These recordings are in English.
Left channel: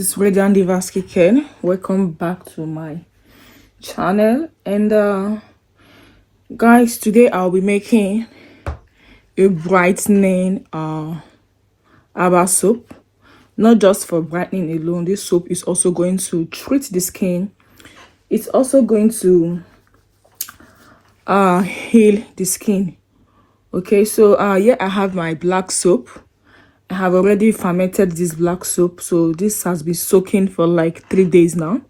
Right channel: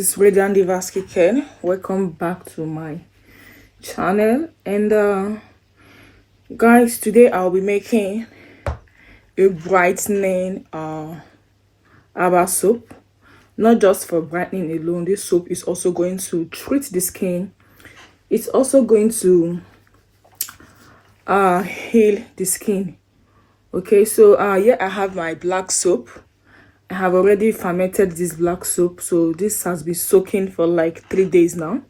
is Radiant Diva Skincare. Welcome back to my channel. And guys, today I'll be making a brightening herbal soap. Not just for brightening alone. This soap is also going to treat the skin. It's also going to heal the skin. Okay, so here I have my black soap. I have already fermented this black soap, so this has been soaking for like 3 days now.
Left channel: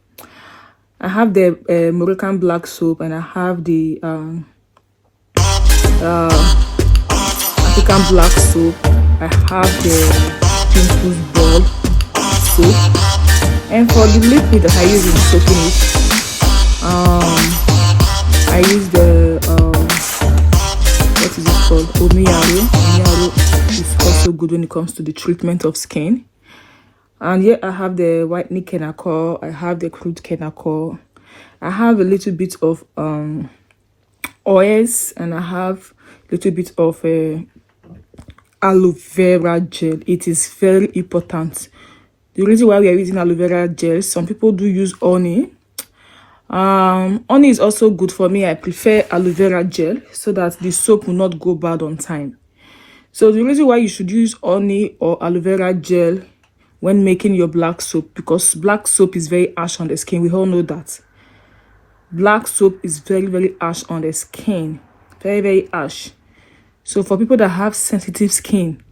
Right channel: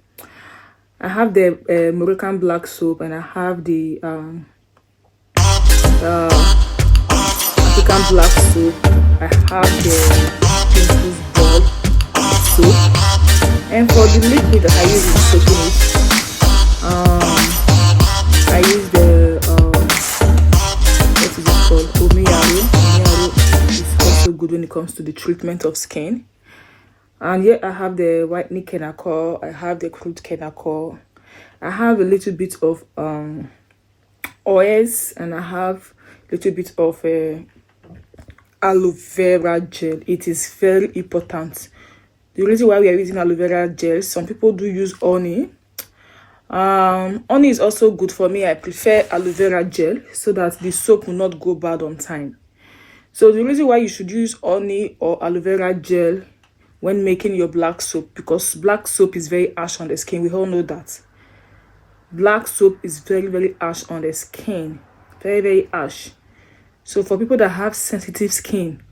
I have the Moroccan black soap, and I have the African black soap. I have the pimples ball soap, and for the liquid that I use in soaking it, I use the what is it called? Omiyaro is also good when it comes to the treatment of skin. And here I have the whitening chemical, I have the crude chemical, I have a little bit of oils, and I have a little bit of aloe vera gel. It is very important. The reason why we are using aloe vera gel, some people do use honey. Honey is also good for me. I prefer aloe vera gel so that the soap will not go bad on time. So the reason why you should use honey or aloe vera gel when making your black soap, because black soap is very harsh on the skin. We all know that. Black soap is very, very harsh on the skin. Very, very harsh. So for people that have sensitive skin,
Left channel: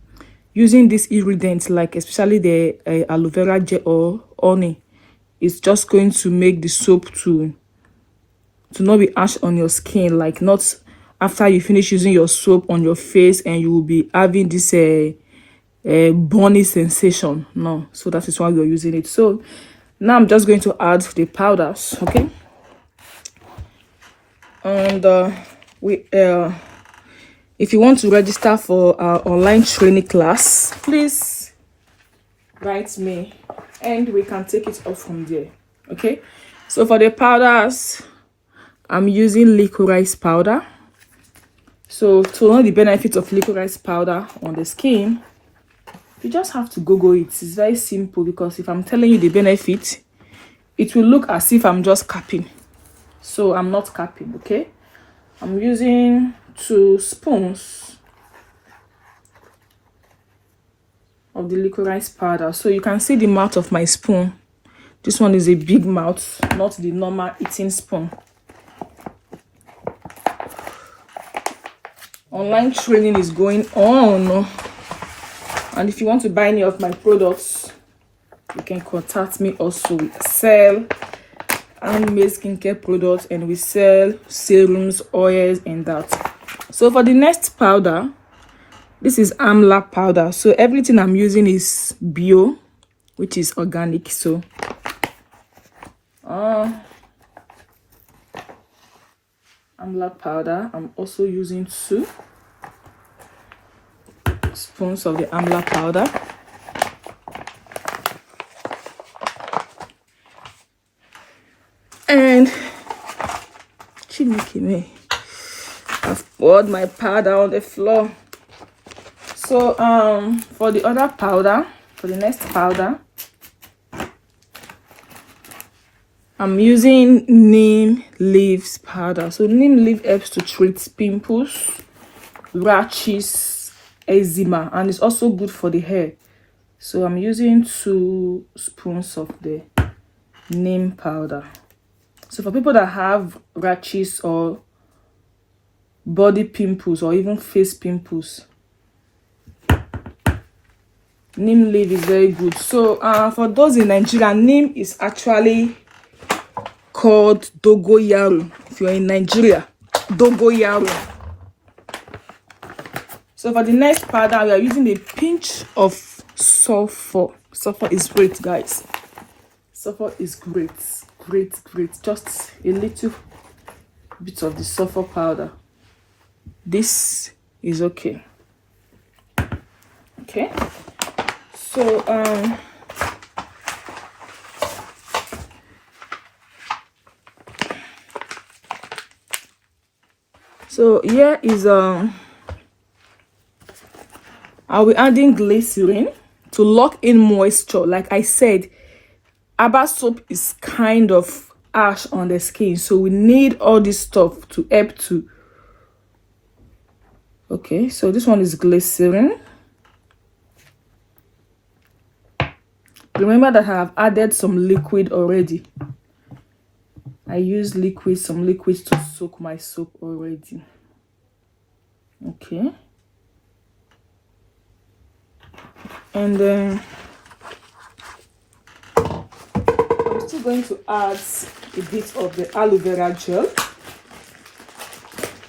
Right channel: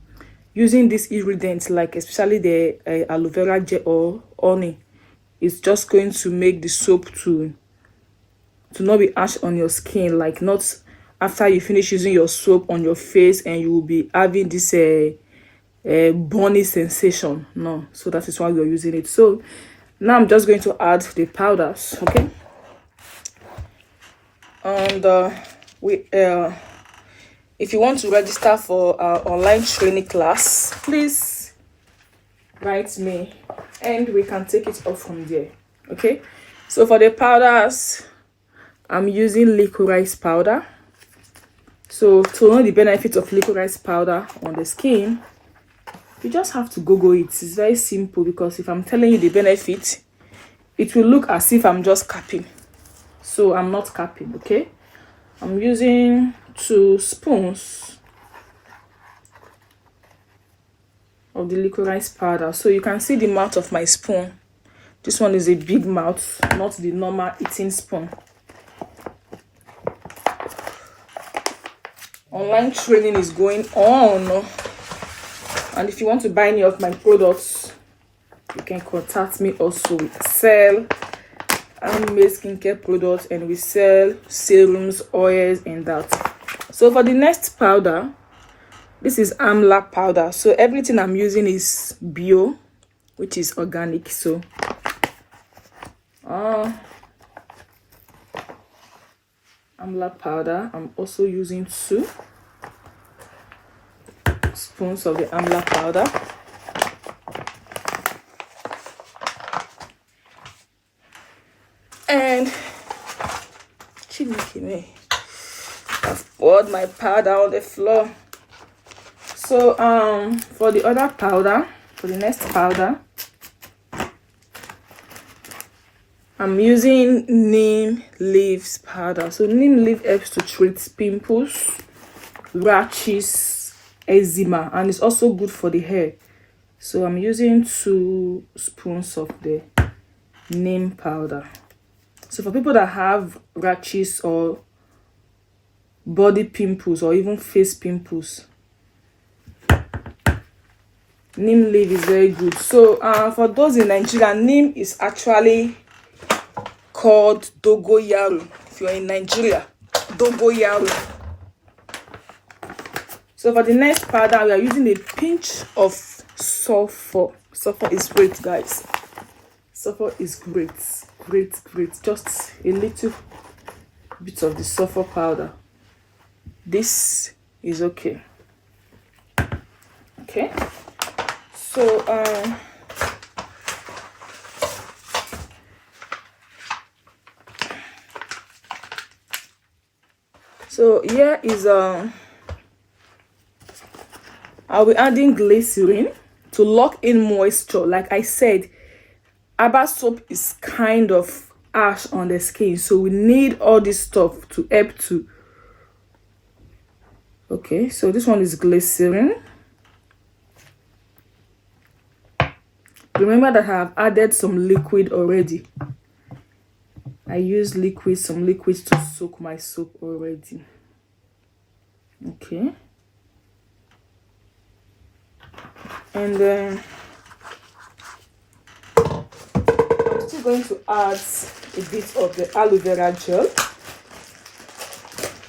using this ingredient, like especially the aloe vera gel or honey, it's just going to make the soap to not be harsh on your skin, like not after you finish using your soap on your face and you will be having this burning sensation. No, so that is why we are using it. So now I'm just going to add the powders, okay? And if you want to register for our online training class, please write me and we can take it off from there. Okay, so for the powders, I'm using liquorized powder. So to know the benefits of liquorized powder on the skin, you just have to Google it. It's very simple, because if I'm telling you the benefit, it will look as if I'm just capping. So I'm not capping, okay? I'm using 2 spoons of the liquorized powder. So you can see the mouth of my spoon. This one is a big mouth, not the normal eating spoon. Online training is going on, and if you want to buy any of my products, you can contact me. Also, we sell handmade skincare products, and we sell serums, oils, and that. So for the next powder, this is amla powder. So everything I'm using is bio, which is organic. So amla powder, I'm also using 2 spoons of the amla powder. And I've poured my powder on the floor. So for the other powder, for the next powder, I'm using neem leaves powder. So neem leaf helps to treat pimples, rashes, eczema, and it's also good for the hair. So I'm using 2 spoons of the neem powder. So for people that have rashes or body pimples or even face pimples, neem leaf is very good. So for those in Nigeria, neem is actually called dogoyaro. If you're in Nigeria, dogoyaro. So for the next powder, we are using a pinch of sulfur. Sulfur is great, guys. Sulfur is great. Great. Just a little bit of the sulfur powder. This is okay. Okay. So here is I'll be adding glycerin to lock in moisture. Like I said, Herbal soap is kind of harsh on the skin, so we need all this stuff to help to. Okay, so this one is glycerin. Remember that I have added some liquid already. I use some liquids to soak my soap already. Okay. And then I'm still going to add a bit of the aloe vera gel.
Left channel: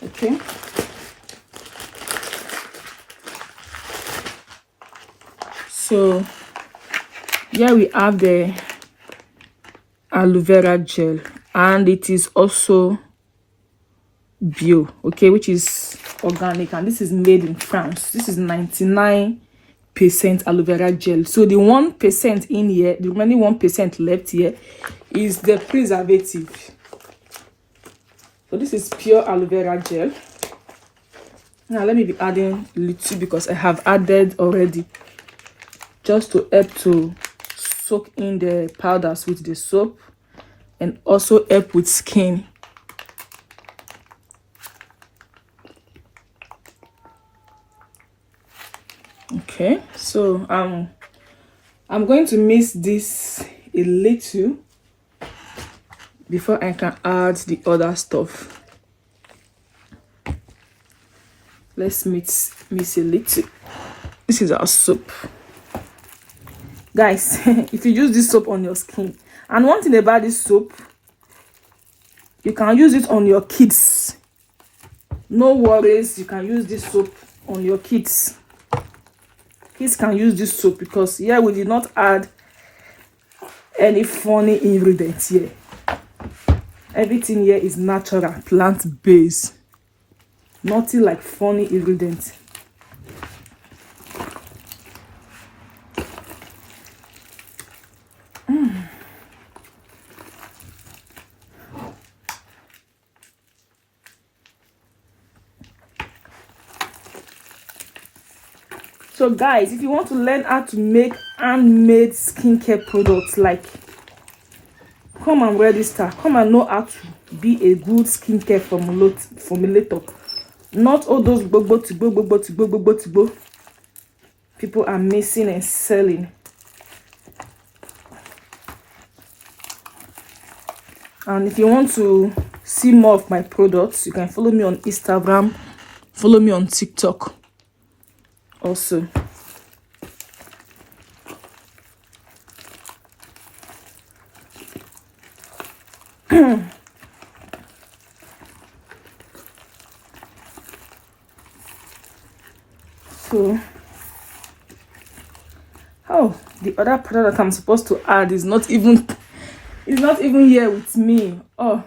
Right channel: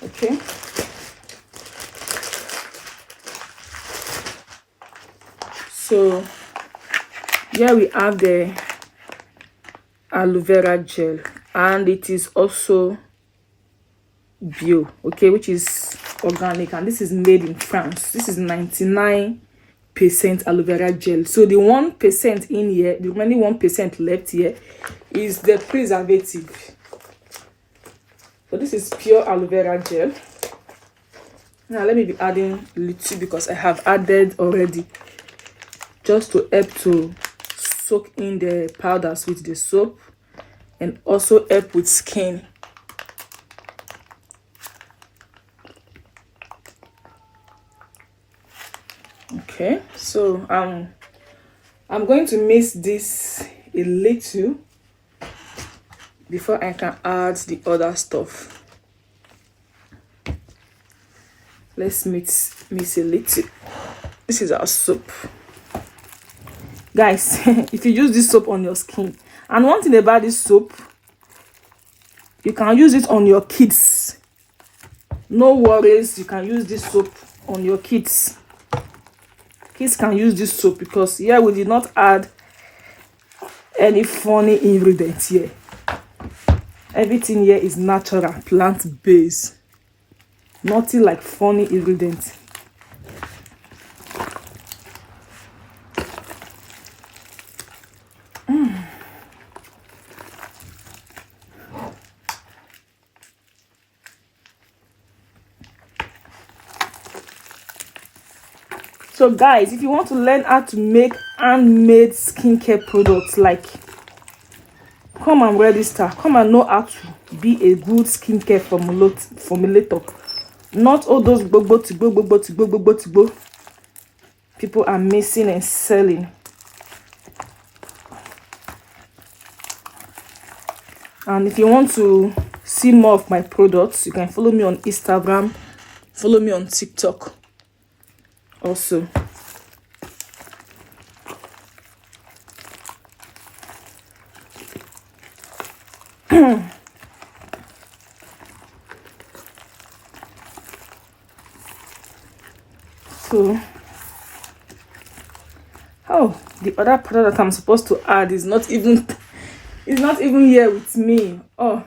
Okay. So here we have the aloe vera gel, and it is also bio, okay, which is organic, and this is made in France. This is 99% aloe vera gel. So the 1% in here, the remaining 1% left here, is the preservative. So this is pure aloe vera gel. Now let me be adding a little because I have added already, just to help to soak in the powders with the soap and also help with skin. Okay, so I'm going to mix this a little before I can add the other stuff. Let's mix a little. This is our soap. Guys, if you use this soap on your skin, and one thing about this soap, you can use it on your kids. No worries, you can use this soap on your kids. Kids can use this soap because here we did not add any funny ingredients here. Everything here is natural, plant-based. Nothing like funny ingredients. So guys, if you want to learn how to make handmade skincare products, like, come and register, come and know how to be a good skincare formulator. Not all those people are missing and selling. And if you want to see more of my products, you can follow me on Instagram, follow me on TikTok also. So, oh, the other product that I'm supposed to add is not even here with me. Oh,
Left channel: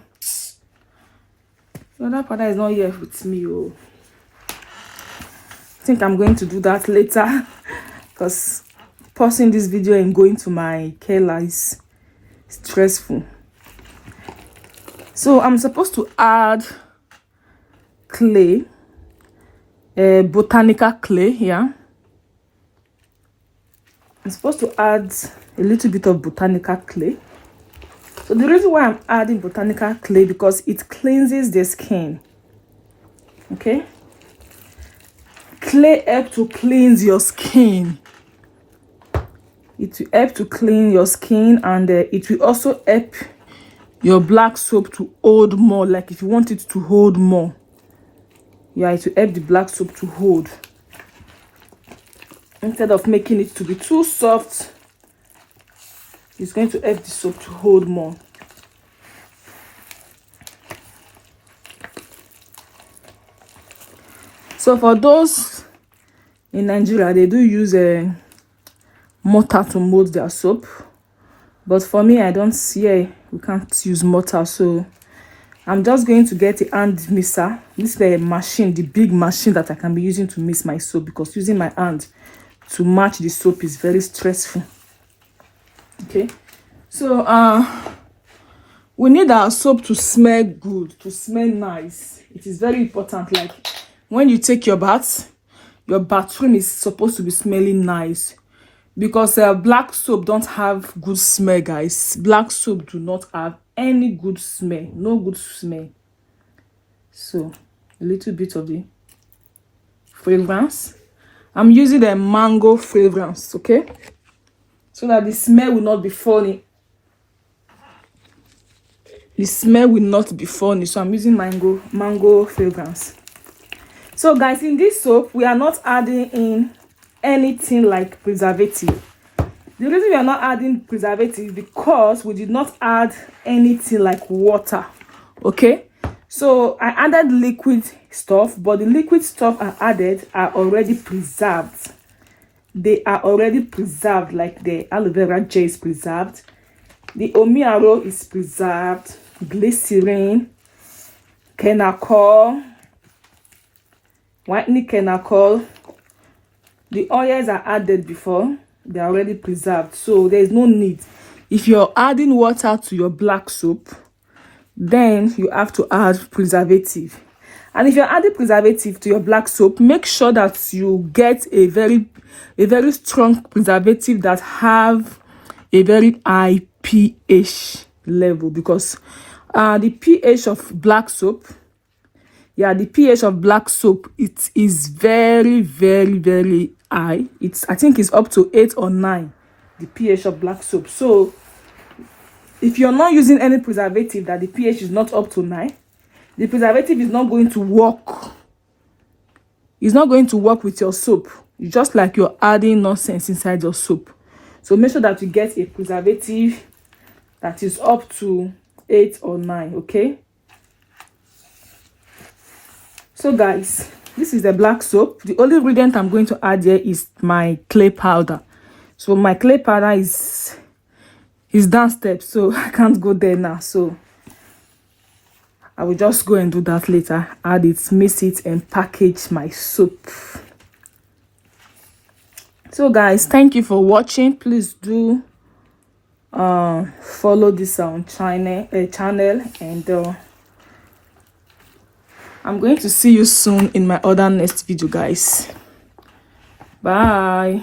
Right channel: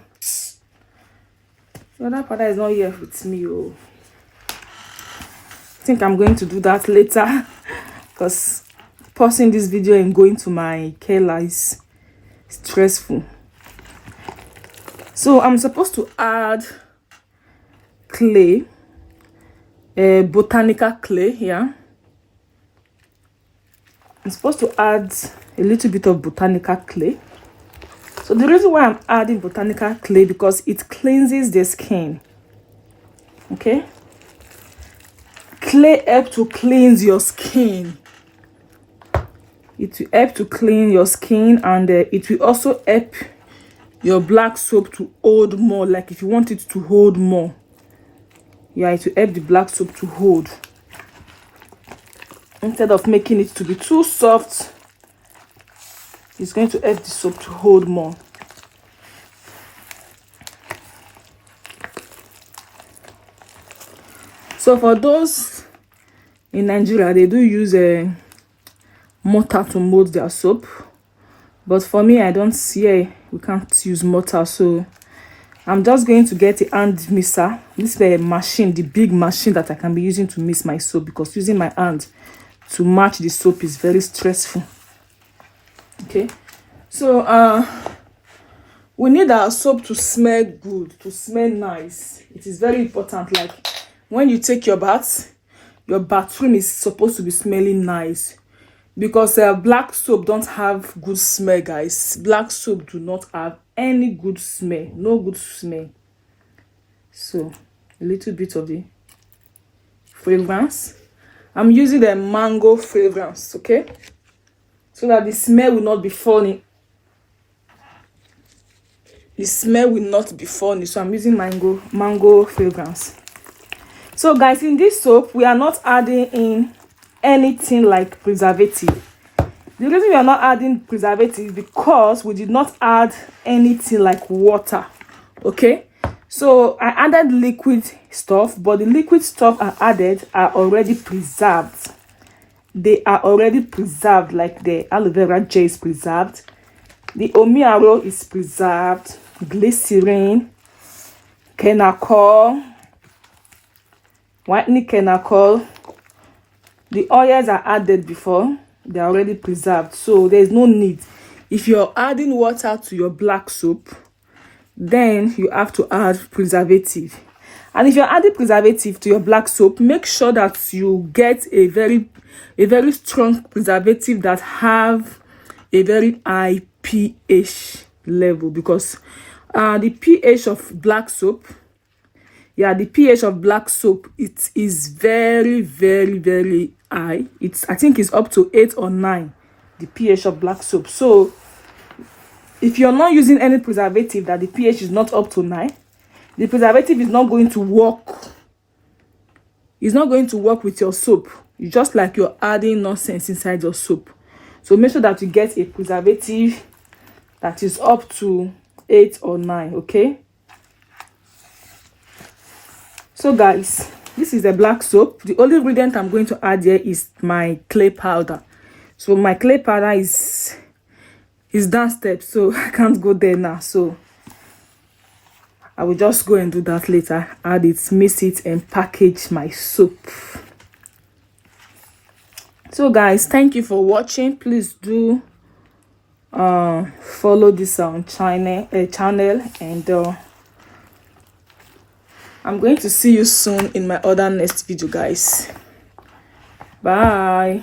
the other product is not here with me. Oh, I think I'm going to do that later because pausing this video and going to my Kayla is stressful. So I'm supposed to add clay, botanical clay. Yeah, I'm supposed to add a little bit of botanical clay. So the reason why I'm adding botanical clay, because it cleanses the skin. Okay, clay helps to cleanse your skin. It will help to clean your skin, and it will also help your black soap to hold more. Like if you want it to hold more, yeah, it will help the black soap to hold instead of making it to be too soft. It's going to help the soap to hold more. So for those in Nigeria, they do use a mortar to mold their soap, but for me, I don't see we can't use mortar, so I'm just going to get a hand mixer. This is a machine, the big machine that I can be using to mix my soap, because using my hand to match the soap is very stressful. Okay, so we need our soap to smell good, to smell nice. It is very important. Like when you take your bath, your bathroom is supposed to be smelling nice. because black soap don't have good smell, guys. Black soap do not have any good smell, no good smell. So a little bit of the fragrance. I'm using the mango fragrance, okay, so that the smell will not be funny. The smell will not be funny. So I'm using mango fragrance. So guys, in this soap we are not adding in anything like preservative. The reason we are not adding preservative is because we did not add anything like water, okay. So I added liquid stuff, but the liquid stuff I added are already preserved. They are already preserved, like the aloe vera gel is preserved, the omiaro is preserved, glycerin, kenacol, whitening kenacol. The oils are added before, they are already preserved, so there is no need. If you're adding water to your black soap, then you have to add preservative. And if you're adding preservative to your black soap, make sure that you get a very strong preservative that have a very high pH level, because the pH of black soap, the pH of black soap, it is very high. I think it's up to 8 or 9, the pH of black soap. So if you're not using any preservative that the pH is not up to 9, the preservative is not going to work. It's not going to work with your soap. It's just like you're adding nonsense inside your soap. So make sure that you get a preservative that is up to 8 or 9, okay? So guys, this is the black soap. The only ingredient I'm going to add here is my clay powder. So my clay powder is downstairs, so I can't go there now. So I will just go and do that later. Add it, mix it, and package my soap. So guys, thank you for watching. Please do follow this channel, and I'm going to see you soon in my other next video, guys. Bye.